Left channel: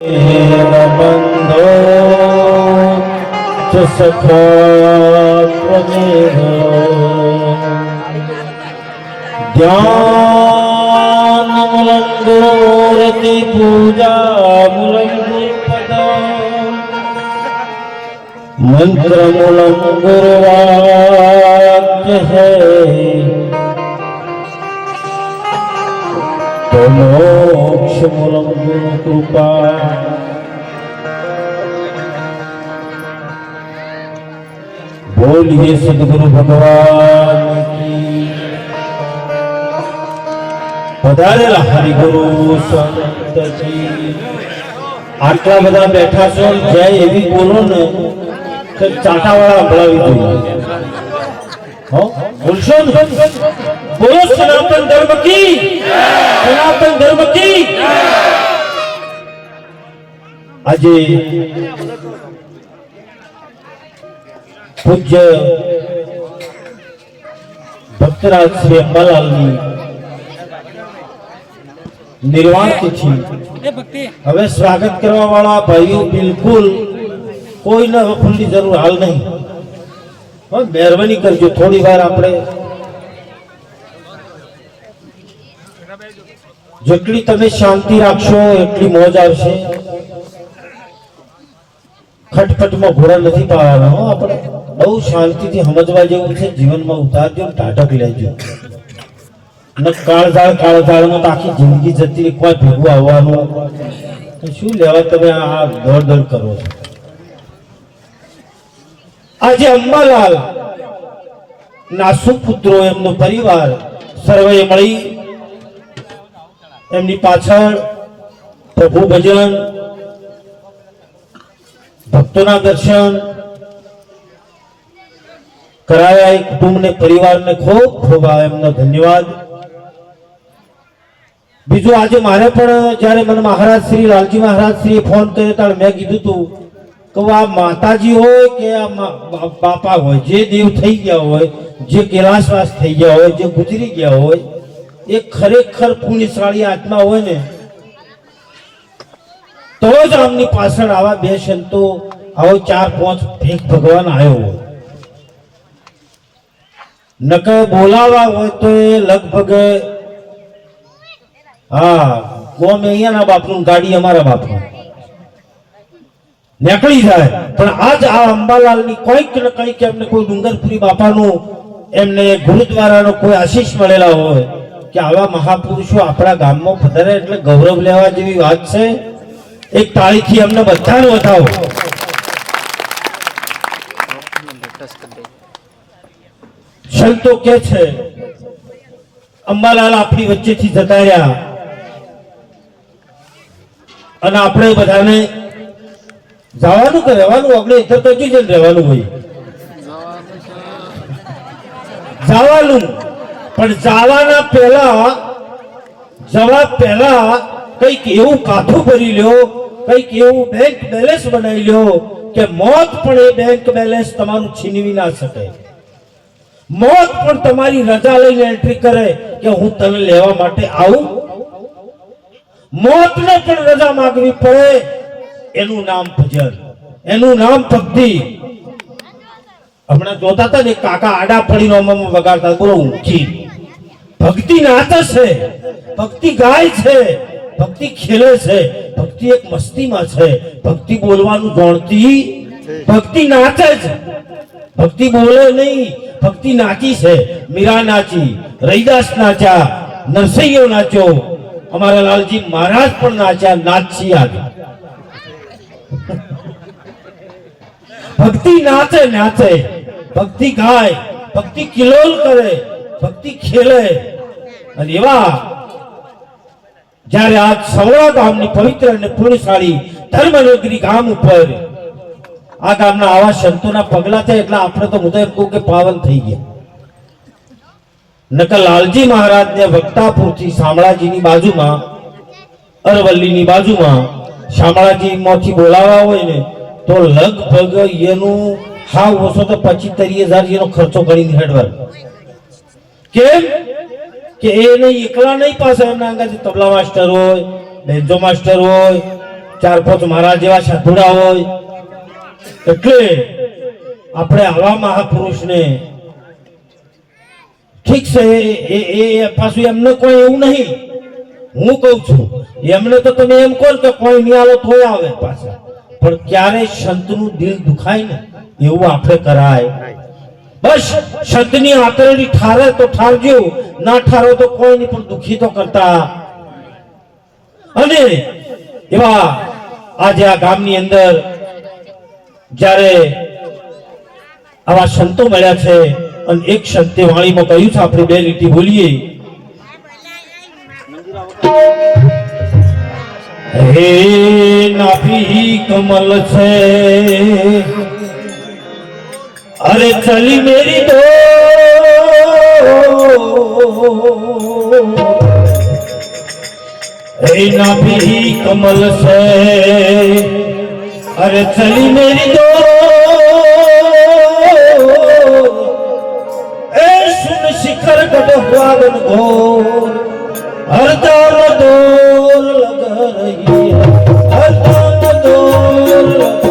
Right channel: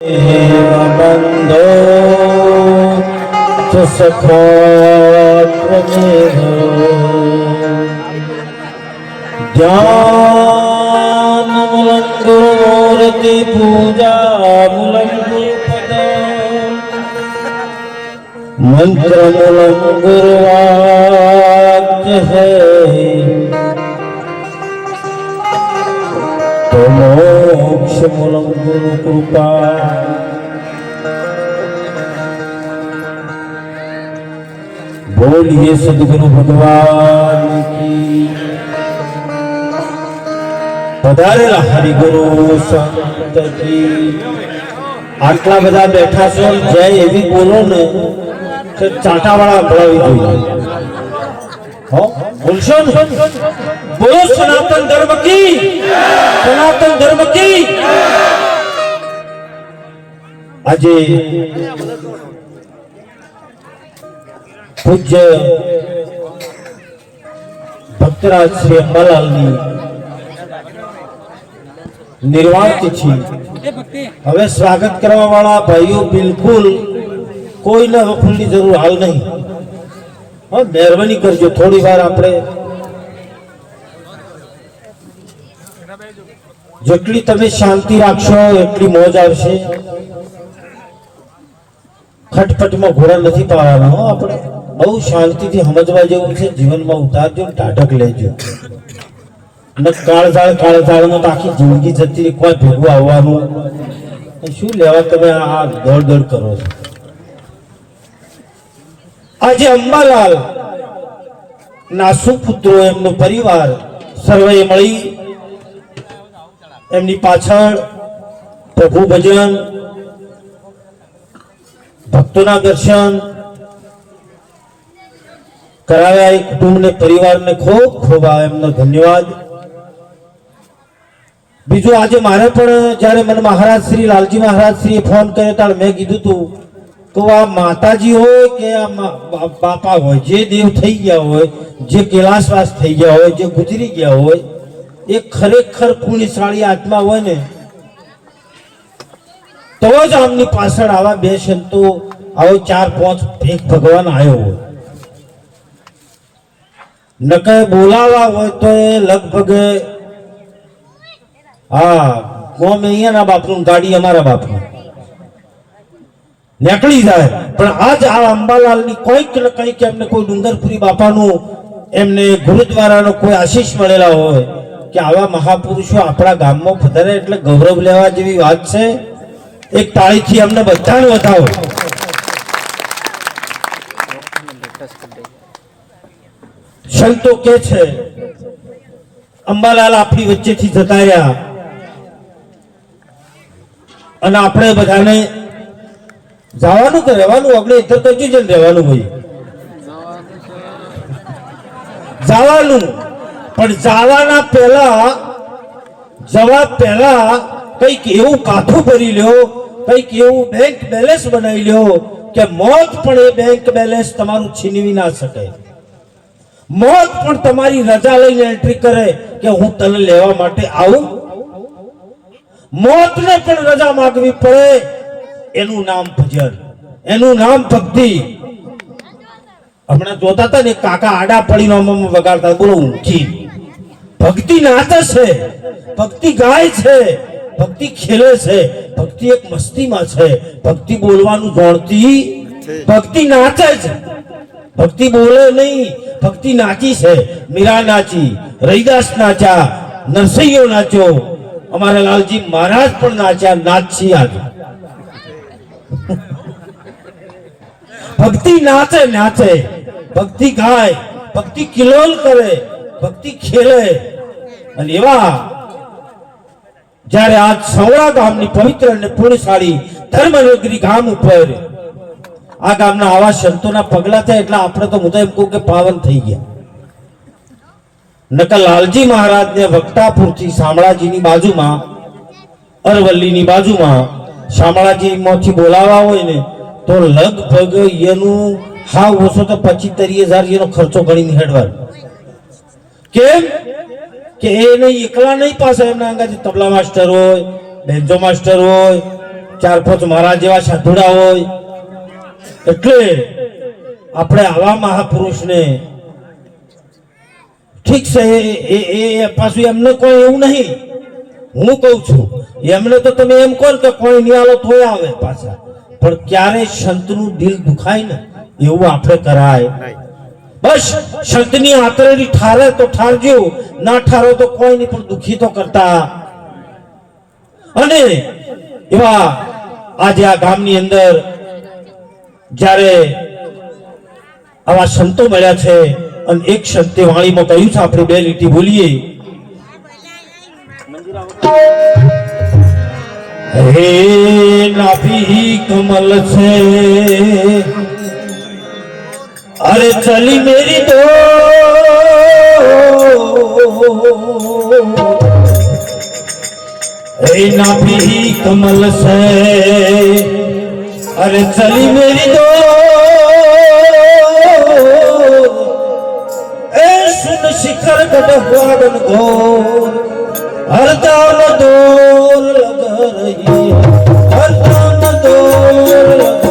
बंधो च सखात्वमेव ध्यानमूलं गुरुमूर्ति पूजामूलं गुरुपदा मंत्रमूलं गुरुवाक्य है तो मोक्षमूलं गुरु कृपा। बोलिए सद्गुरु भगवान की। पधारेला हरिगुरु संत की। आटला बधा बैठा छो जय एवी बोलो ने तो चाटावाळा संभळावी જોઈએ। हो बोलशो ने बोलो सनातन धर्म की, सनातन धर्म की। આજે પૂજ્ય ભક્તરાજ શ્રી અંબાલાલની નિર્વાણ તિથિ। હવે સ્વાગત કરવા વાળા ભાઈઓ બિલકુલ કોઈને વફુલની જરૂર હાલ નહીં। હા મહેરબાની કરજો, થોડી વાર આપણે જેટલી તમે શાંતિ રાખશો એટલી મોજ આવશે। ખટપટમાં ઘોડા નથી પાવાના હો, આપણે બહુ શાંતિથી સમજવા જેવું છે। જીવનમાં ઉતારજો, ટાઢક લેજો અને કાળઝાળમાં તો આખી જિંદગી જતી રહી, કોઈ ભેગું આવવાનું શું લેવા તમે આ દોડ દોડ કરો છો। આજે અંબાલાલ ના પુત્રો એમનો પરિવાર સર્વે મળી એમની પાછળ પ્રભુ ભજન, ભક્તોના દર્શન કરાયા। એક કુટુંબને પરિવારને ખૂબ ખૂબ એમનો ધન્યવાદ। બીજું આજે મારે પણ જ્યારે મને મહારાજ શ્રી લાલજી મહારાજ શ્રી ફોન કર્યો ત્યારે મેં કીધું તું કે આ માતાજી હોય કે આ બાપા હોય, જે દેવ થઈ ગયા હોય, જે કેલાશવાસ થઈ ગયા હોય, જે ગુજરી ગયા હોય, એ ખરેખર પુણ્યશાળી આત્મા હોય ને તો જ આમની પાછળ આવા બે સંતો, આવો 4-5 ભેખ ભગવાન આવ્યો હોય। નકે બોલાવા હોય તો એ લગભગ હા કોમ અહીંયાના બાપનું, ગાડી અમારા બાપનું નીકળી જાય। પણ આજ આ અંબાલાલની કોઈક ને કંઈક એમને કોઈ ડુંગરપુરી બાપાનું, એમને ગુરુદ્વારાનો કોઈ આશીષ મળેલા હોય કે આવા મહાપુરુષો આપણા ગામમાં પધારે એટલે ગૌરવ લેવા જેવી વાત છે। એક તાળીથી અમને બધાને વધાવો। સંતો કે છે અંબાલાલ આપણી વચ્ચેથી જતા રહ્યા અને આપણે બધાને જવાનું કે રહેવાનું, આપણે ઇતર કરજો છે રહેવાનું હોય જવાનું, પણ જવાના પહેલા જવા પહેલા કઈક એવું કાથું ભરી લ્યો, કઈક એવું બેંક બેલેન્સ બનાવી લ્યો કે મોત પણ એ બેંક બેલેન્સ તમારું છીનવી ના શકે। મોત પણ તમારી રજા લઈને એન્ટ્રી કરે કે હું તને લેવા માટે આવું। મોતને પણ રજા માંગવી પડે, એનું નામ ભજન, એનું નામ ભક્તિ। હમણાં જોતા હતા ને કાકા આડા પડીને વગાડતા, બોલો ઊંચી ભક્તિ નાચે છે, ભક્તિ ગાય છે, ભક્તિ ખેલે છે, ભક્તિ એક મસ્તીમાં છે, ભક્તિ બોલવાનું જાણતી, ભક્તિ નાચે છે, ભક્તિ બોલે નહીં, ભક્તિ નાચી છે। મીરા નાચી, રૈદાસ નાચ્યા, નરસૈયો નાચ્યો, અમારા લાલજી મહારાજ પણ નાચ્યા, નાચી આજે ભક્તિ નાચે નાચે, ભક્તિ ગાય, ભક્તિ કિલોલ કરે, ભક્તિ ખેલે। અને એવા જ્યારે આ સવડા ગામની પવિત્ર અને પુણ્યશાળી ધર્મનગરી ગામ ઉપર આ ગામના આવા સંતોના પગલા થયા એટલે આપણે તો હું તો એમ કહું કે પાવન થઈ ગયા। નકર લાલજી મહારાજને વક્તાપુરથી શામળાજીની બાજુમાં, અરવલ્લીની બાજુમાં શામળાજીમાંથી બોલાવવા હોય ને તો લગભગ એનું હા ઓછો તો 25-30 હજાર એનો ખર્ચો કરીને હેડવાનો। કેમ કે એ નહીં એકલા નહીં, પાસે એમના અંગાથી તબલા માસ્ટર હોય, બેન્જો માસ્ટર હોય, 4-5 મારા જેવા સાધુડા હોય એટલે આપણે આવા મહાપુરુષને ઠીક છે એ પાછું એમને કોઈ એવું નહીં હું કહું છું એમને તો તમે એમ કહો કે કોઈ નહીં આલો તોય આવે પાછા પણ ક્યારે સંતનું દિલ દુખાય ને એવું આપણે કરાય બસ સંતની આતરડી ઠારે તો ઠારજો ના ઠારો તો કોઈ નહીં પણ દુખી તો કરતા અને એવા આજે આ ગામની અંદર જ્યારે આવા સંતો મળ્યા છે અને એક સંતે વાણીમાં કહ્યું છે આપણે 2 લીટી બોલીએ હે નાભી કમલ છે अरे चली मेरी दो नाभि कमल से अरे चली मेरी दो सुन शिखर गढ़ हुआ गन घोर हर दाम दौर लग रही है हर दाम दौर लग रही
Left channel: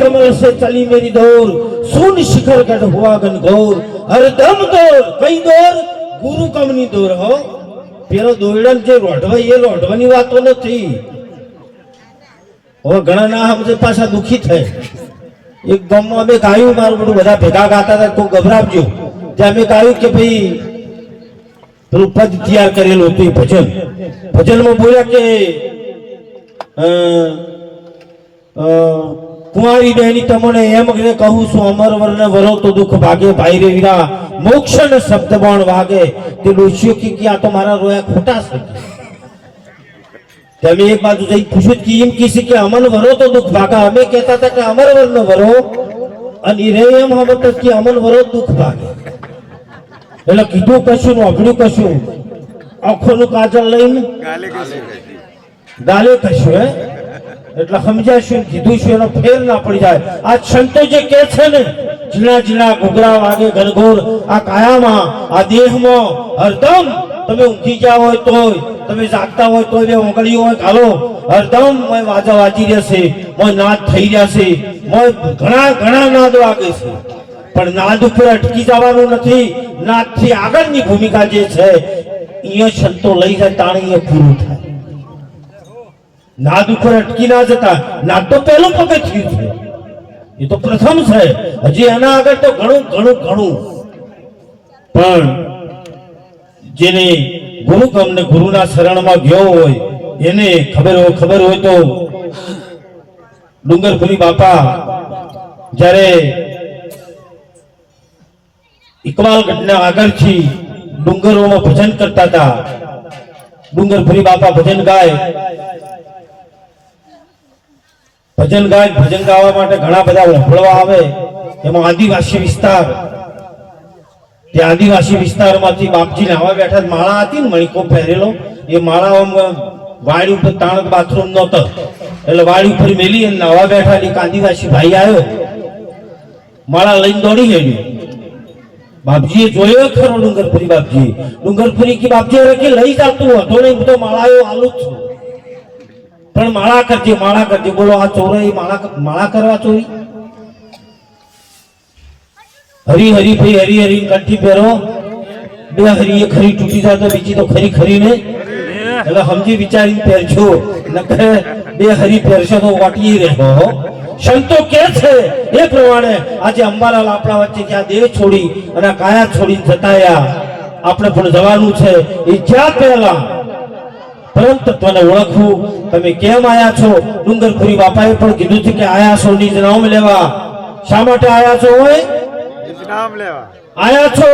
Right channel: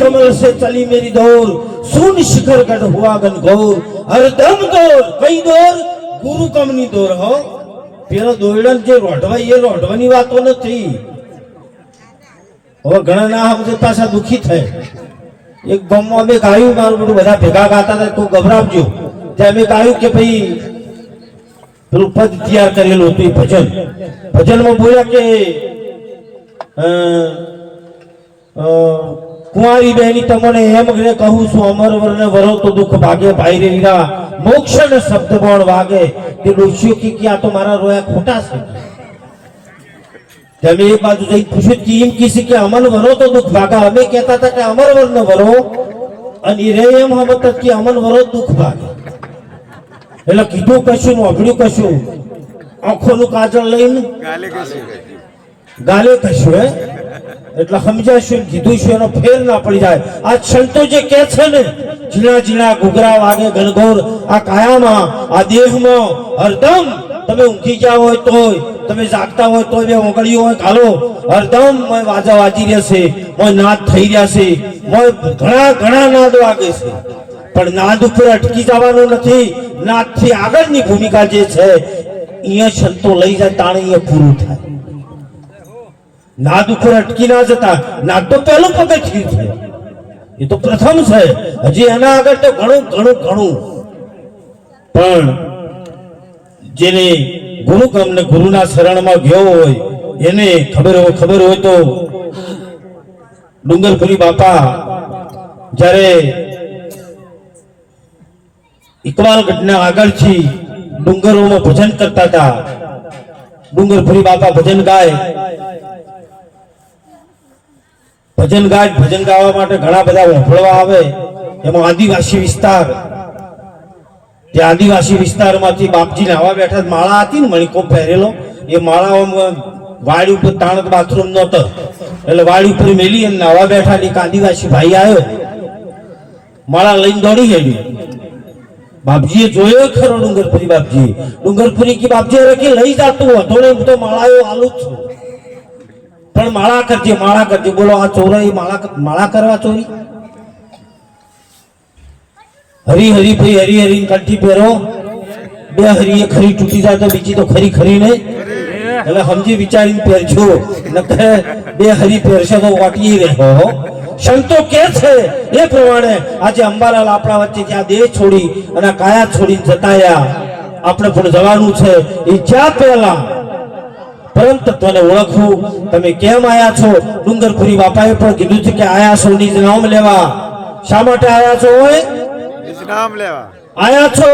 कमल से चली मेरी दौर सुन शिखर गढ़ हुआ गन घोर हर दम दौर कई दौर गुरु कमनी दौर हो पेलो दोड़न जे रोडवा ये रोडवानी वातो નથી ઓ ઘણા ના સમજે પાછા દુખી થાય એક ગામમાં અમે ગાયું મારું બધું બધા ભેગા ગાતા હતા તો ગભરાવજો ત્યાં અમે ગાયું કે ભાઈ પેલું પદ તૈયાર કરેલું હતું ભજન ભજનમાં બોલ્યા કે कुंवारी बहनी तमने एम गणे कहूं सु अमर वरने वरो तो दुख भागे भाई रे वीरा मोक्ष न शब्द बाण वागे ते डोशियो की किया तो मारा रोया खोटा से जब एक बात तुझे पूछो कि इन किसी के अमन वरो तो दुख भागा हमें कहता था कि अमर वरन वरो અને રે એમ હમત કે અમન વરો દુખ ભાગે એટલે કીધું કશું નું અભડ્યું કશું આંખોનું કાજળ લઈને ગાલે કશું હે એટલે સમજાશું કીધું છે એનો ફેર ના પડી જાય આ સંતો જે કહે છે ને ઝીણા ઝીણા ઘૂઘરા વાગે ગણગોર આ કાયામાં આ દેહમાં હરદમ તમે ઊંઘી જાવ હોય તોય તમે જાગતા હોય તોય બે ઊંઘળીઓ હોય ઘાલો હરદમ મોય વાજા વાજી રહેશે મોય નાદ થઈ રહ્યા છે મોય ઘણા ઘણા નાદ વાગે છે પણ નાદ ઉપર અટકી જવાનું નથી નાદથી આગળની ભૂમિકા જે છે અહીંયા સંતો લઈ જાય તાણે અહીંયા પૂરું થાય नाद ऊपर अटकी ना जता नाद तो पहलू पगथિયું છે ये तो प्रथम છે હજી આના આગળ તો ઘણું ઘણું ઘણું પણ જેને ગુરુ ગમને ગુરુના શરણમાં ગયો હોય એને ખબર હોય તો ડુંગરપુરી બાપા જ્યારે ઇકબાલગઢના આગળથી ડુંગરોમાં ભજન કરતા હતા ડુંગરપુરી બાપા ભજન ગાય ભજન ગાવા માટે ઘણા બધા વફળવા આવે એમાં આદિવાસી વિસ્તાર તે આદિવાસી વિસ્તારમાંથી બાપજી નાવા બેઠા માળા હતી ને મણિકો પહેરેલો એ માળામાં વાડી ઉપર તાણત બાથરૂમ નહોતો એટલે વાડી ઉપર મેલી અને નાવા બેઠા એક આદિવાસી ભાઈ આવ્યો માળા લઈને દોડી ગયો બાપજીએ જોયો ખરો ડુંગરપુરી કી બાપજી અરે કે લઈ જાતું હતો ને હું તો માળાયો આલુ જ છું પણ માળા કરજે બોલો આ ચોરાઈ માળા કરવા ચોરી હરી હરી ભાઈ હરી હરી કંઠી પહેરો બે હરી ખરી તૂટી જાય તો બીજી તો ખરી ને એટલે સમજી વિચારીને પહેરજો નકર બે હરી પહેરશો તો વાટી રહેવો સંતો કે છે એ પ્રમાણે આજે અંબાલાલ આપણા વચ્ચે જ્યાં દેહ છોડી અને કાયા છોડી જતાયા આપણે પણ જવાનું છે એ જ્યાં પહેલા પરમ તત્વને ઓળખવું તમે કેમ આયા છો ડુંગરપુરી બાપાએ પણ કીધું છે કે આયા છો નિજ નામ લેવા શા માટે આયા છો હોય નિજ નામ લેવા આયા છો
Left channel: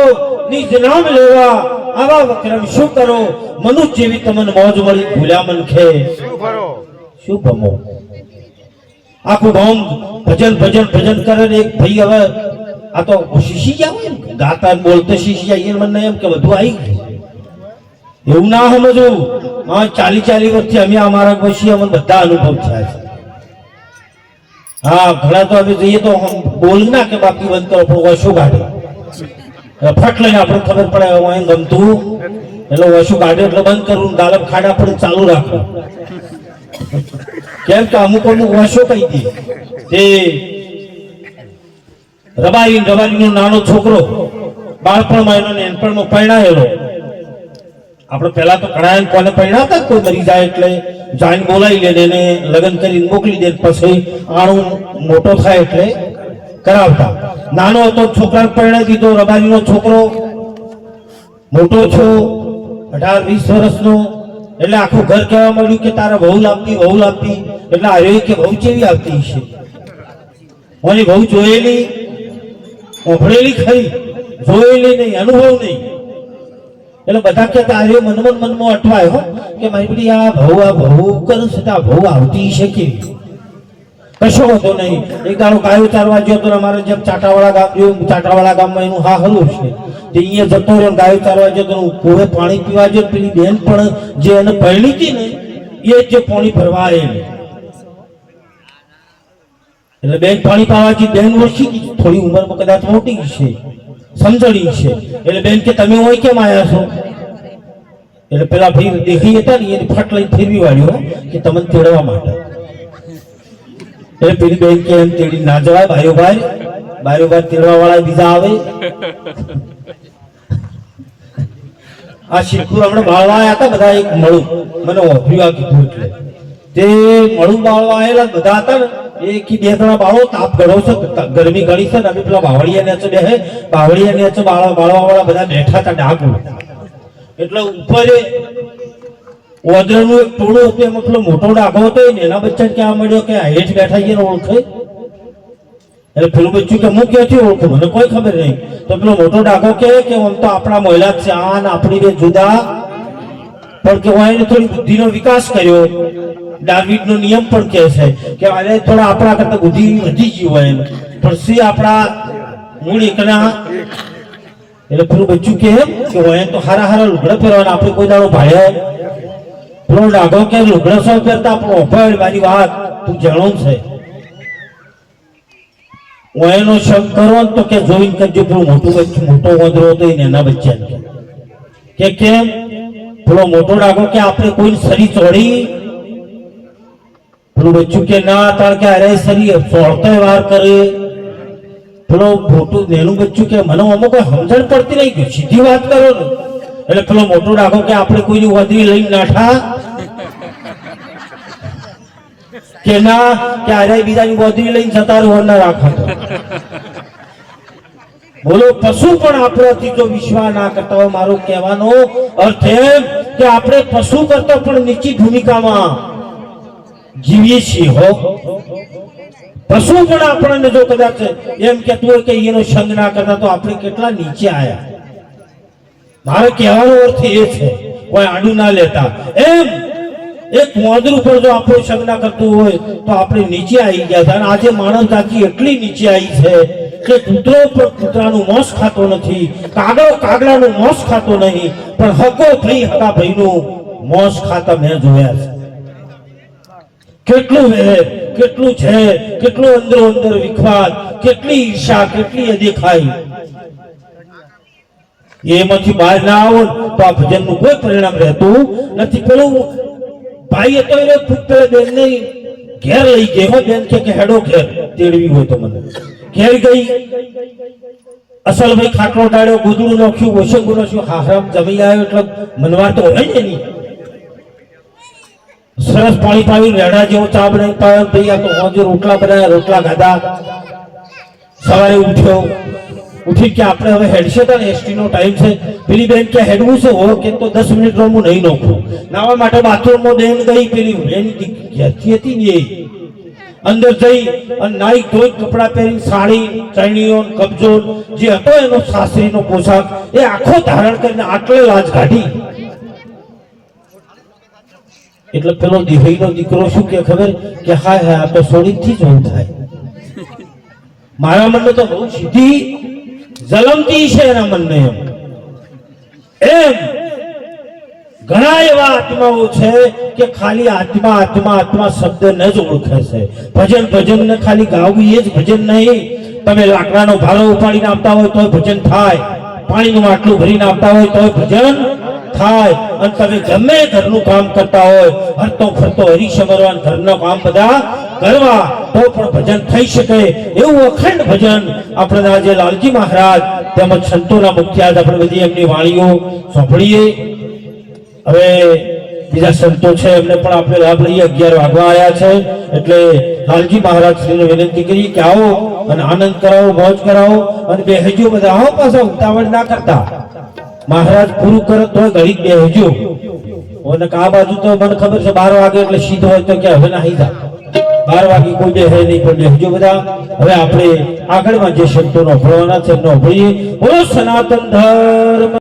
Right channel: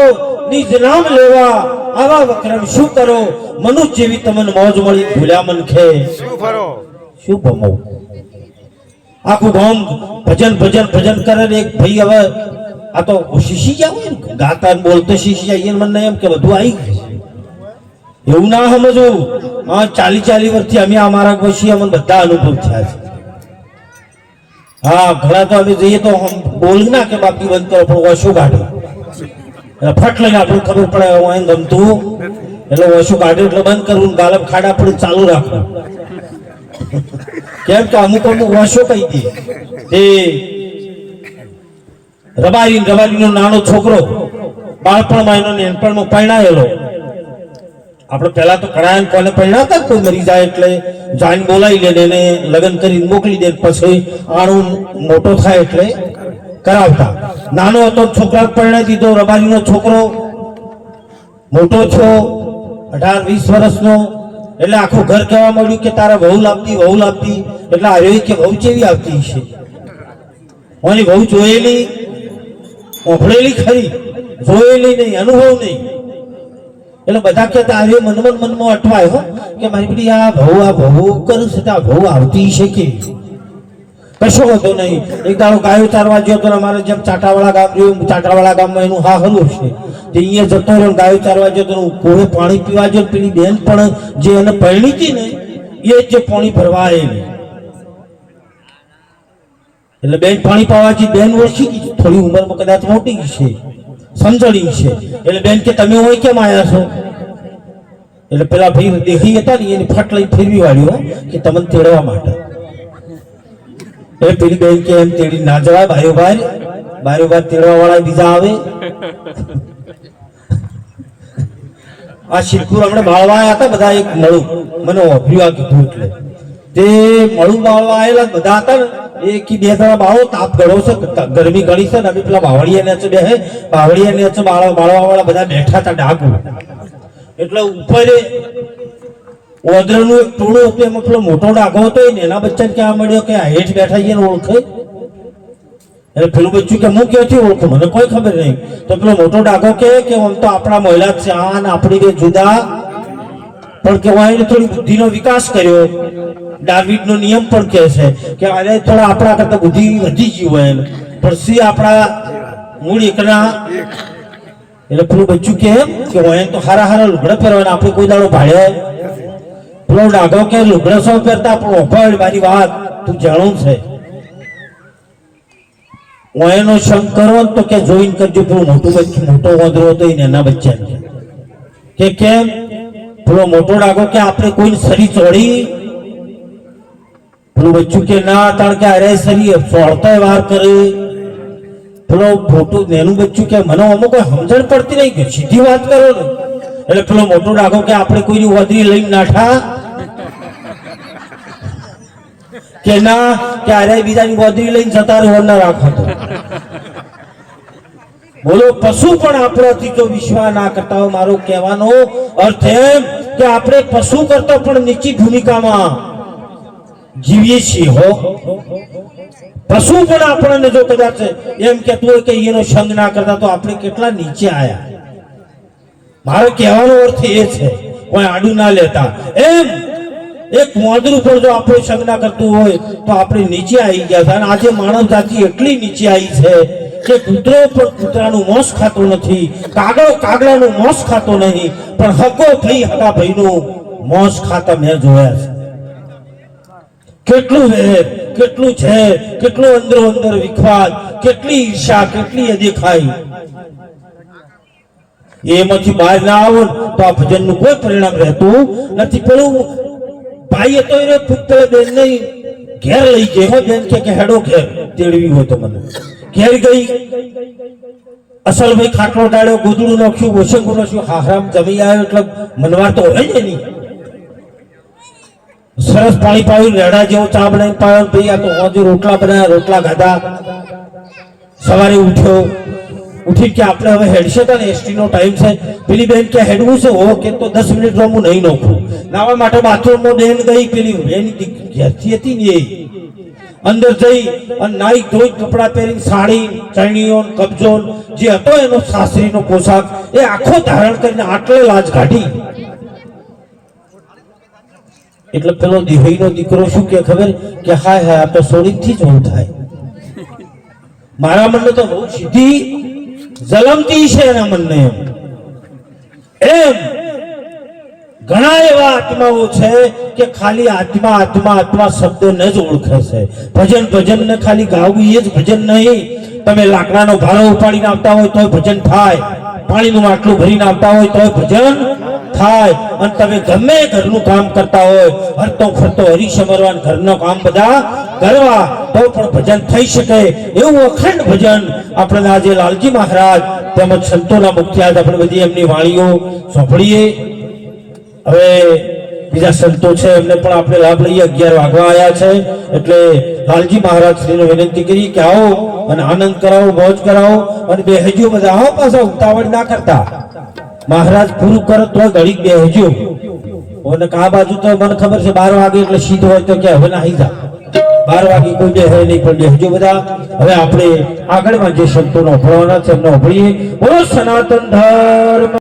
નિજ નામ લેવા આવા વક્રમ શું કરો મનુષ્ય જેવી તમને મોજ મળી ભૂલ્યા મન ખે શું કરો શું ભમો આખું ગામ ભજન કરે ને એક ભાઈ હવે આ તો શીશી ગયા હોય ને ગાતા ને બોલતો શીશી જાય મને એમ કે બધું આવી ગયું એવું ના સમજવું હા 40 વર્ષથી અમે અમારા ગોશી અમને બધા અનુભવ થયા છે હા ઘણા તો અમે જઈએ તો બોલ ના કે બાકી બંધ કરો પણ ઓછું કાઢે ફટ લઈને આપણે ખબર પડે હું ગમતું એટલે ઓછું કાઢે એટલે બંધ કરવું ગાલમ ખાડા પડે ચાલુ રાખવું કેમ કે અમુક ઓછો કહી દે તે રબારીનો નાનો છોકરો બાળપણમાં એનો નેનપણમાં પરણાયેલો આપણે પહેલા તો કડાયન કોને પરણાતા કોઈ મરી જાય એટલે જાન બોલાવી લે ને લગ્ન કરીને મોકલી દે પછી આણું મોટો થાય એટલે કરાવતા નાનો હતો છોકરાને પરણાવી દીધો રબારીનો છોકરો મોટો છો 18-20 વર્ષનો એટલે આખું ઘર કહેવા મળ્યું કે તારે વહુ લાવતી એટલે આવ્યો કે વહુ કેવી આવતી છે ઓની વહુ જોયેલી ઓભળેલી ખરી જોયેલી નહીં અનુભવ નહીં એટલે બધા કહેતા આવ્યો મનમાં અટવાય હો કે મારી બધી આ ભહુ કરું છે આ ભહુ આવતી છે કેવી કશો હતો નહીં એક દાડો ગાયો ચારવા ગયો તો અમારે જેમ ચાટાવાળા ગામમાં એનું હા હલું છે તે અહીંયા જતો રહ્યો ગાયો ચારવા ગયો તો કુવે પાણી પીવા ગયો પેલી બેન પણ જે એને પરણી હતી ને એ જ પાણી ભરવા આવેલી એટલે બેન પાણી પાવાથી બેન ઓળખી ગઈ થોડી ઉંમરમાં કદાચ મોટી છે સમજણી છે એટલે બેન કે તમે હોય કેમ આવ્યા છો એટલે પેલા ભાઈ દેખી હતા ને એની ફટ લઈને ફેરવી વાળ્યો કે તમને તેડવા માટે એટલે પેલી બેન કે એમ તેડી ના જવાય બારોબાર તેડવા વાળા બીજા આવે આ શિવપુર હમણાં બાળવા આવ્યા હતા બધા એક મળું મને ઓભર્યું આ કીધું એટલે તે મળું બાળવા આવેલા બધા હતા ને એક બે ત્રણ બાળો તાપ ગળો છે ગરમી ગળી છે ને અમે પેલા બાવળિયા ને બે બાવળિયા ને બાળવા વાળા બધા બેઠા હતા ડાકુ એટલે ઉપર ઓદરનું એક ટોળું હતું એમાં પેલો મોટો ડાઘો હતો એના બચ્ચા ક્યાં મળ્યો કે હેઠ બેઠા એને ઓળખે એટલે પેલું બચ્ચું કે હું ક્યાંથી ઓળખું મને કોઈ ખબર નહીં તો પેલો મોટો ડાઘો કે આમ તો આપણા મહિલા છે આ ને આપણી બે જુદા પણ કે એને થોડી બુદ્ધિનો વિકાસ કર્યો ડાર્વિનનો નિયમ પણ કહે છે કે આજે થોડા આપણા કરતા બુદ્ધિ વધી ગઈ હોય પણ સી આપણા મૂળ એકના એટલે પેલું બચ્ચું કે હોય તો હારા લુગડા પહેરવાના આપણે કોઈ દાડો ભાડે પેલો ડાઘો કે લુગડા સૌ પહેરતા આપણો અભાવ મારી વાત તું જાણું છે એનો શંક કરો તો કે જોઈન કરજો પેલું મોટો વાંદરો હતો એના બચ્ચા કે કેમ પેલો મોટો ડાઘો કે આપણે કોઈ સરી ચોડી પેલું બચ્ચું કે ના તાર કે અરે સરી ચોડતા વાર કરે પેલો મોટું નેનું બચ્ચું કે મને અમુક કોઈ સમજણ પડતી નહીં સીધી વાત કરો ને એટલે પેલો મોટો ડાઘો કે આપણે કોઈની વાદરી લઈને નાઠા કે ના કે અરે બીજાની વાદરી લઈને જતા રહો ના રાખો બોલો પશુ પણ આપણોથી જો વિશ્વાસ ના કરતા હોય મારો કહેવાનો અર્થ એમ કે આપણે પશુ કરતા પણ નીચી ભૂમિકામાં જીવીએ છીએ હો પશુ પણ આપણને જો કદાચ એમ કહેતું હોય કે એનો સંગ ના કરતા તો આપણે કેટલા નીચે આયા મારો કહેવાનો અર્થ એ છે કોઈ આડું ના લેતા એમ એક મોદરું પર જો આપણો સંગ ના કરતું હોય તો આપણે નીચે આવી ગયા અને આજે માનવ જાતિ એટલી નીચે આવી છે કે કૂતરો પણ કૂતરાનું મોસ ખાતો નથી કાગડો કાગડાનું મોસ ખાતો નહીં પણ હકો ભાઈ હકા ભાઈનું મોસ ખાતા મેં જોયા છે કેટલું વેર કેટલું છે કેટલું અંદર વિખવાદ કેટલી ઈર્ષા કેટલી દેખાય એમાંથી બહાર ના આવો તો આ ભજનનું કોઈ પરિણામ રહેતું નથી પેલું ભાઈ હતો એને પેલા બેન ને ઘેર લઈ ગયો હો. બેન કે હેડો ઘેર તેડવી હોય તો મને. ઘેર ગઈ, અસલ ભાઈ ખાટલો ડાળ્યો, ગોદડું નાખ્યું, વોશંગું નાખ્યું, હારામ જમી આવ્યો એટલે મનવાર તો હોય ને એની. સરસ પાણી પાયું, રેડા જેવો ચા બનાવી પાયો. ભાઈ આ તો હોજે રોટલા બનાવ્યા, રોટલા ખાધા. સવારે ઉઠ્યો, ઉઠી કે આપણે હવે હેડશે તો એસટી નો ટાઈમ છે. પેલી બેન કે હેડવું છે હો કે તો 10 મિનિટ હું નહીં નોખું. નાવા માટે બાથરૂમમાં બેન ગઈ. પેલી એની ઘેરથી હતી ને એ અંદર જઈ અને નાઈ ધોઈ કપડા પહેરી સાડી ચણિયો કબજો જે હતો એનો સાસરીનો પોશાક એ આખો ધારણ કરીને આટલે લાજ કાઢી. એટલે પેલો દિવાઈનો દીકરો શું કે ખબર કે હાય હાય આપણે સોડીથી જ ઓન થાય. મારા મનને તો બહુ સીધી જલમતી છે એના મનને. એમ ઘણા એવા આત્માઓ છે કે ખાલી આત્મા આત્મા આત્મા શબ્દને જ ઓળખે છે. ભજન ભજન ને ખાલી ગાવું એ જ ભજન નહીં. તમે લાકડાનો ભારો ઉપાડીને આપતા હોય તોય ભજન થાય, પાણીનું માટલું ભરીને આપતા હોય તોય ભજન થાય, અને તમે ગમે ઘરનું કામ કરતા હોય હરતો ફરતો હરી સમરવાન ઘરનું કામ બધા કરવા તો પણ ભજન થઈ શકે. એવું અખંડ ભજન આપણે આજે લાલજી મહારાજ તેમજ સંતોના મુખ્ય આપણે બધી એમની વાણીઓ સાંભળીએ. હવે બીજા સંતો છે એમને પણ આપણે લાભ લઈએ. 11 વાગવા આવ્યા છે એટલે લાલજી મહારાજ શ્રીને વિનંતી કરી કે આવો અને આનંદ કરાવો, મોજ કરાવો અને બેહજો બધા. આવો પાછા ઉતાવળ ના કરતા. મહારાજ પૂરું કરે તો ઘડી બેહજો. અને આ બાજુ તો મને ખબર છે 12 વાગે એટલે સીધો હોય તો કે હવે નાહી જા. 12 વાગે કોઈ બેહે નહીં પણ બેહજો બધા. હવે આપણે આગળમાં જે શબ્દોનો ભણવાના છે એમનો ભણીએ. બોલો સનાતન ધર્મ.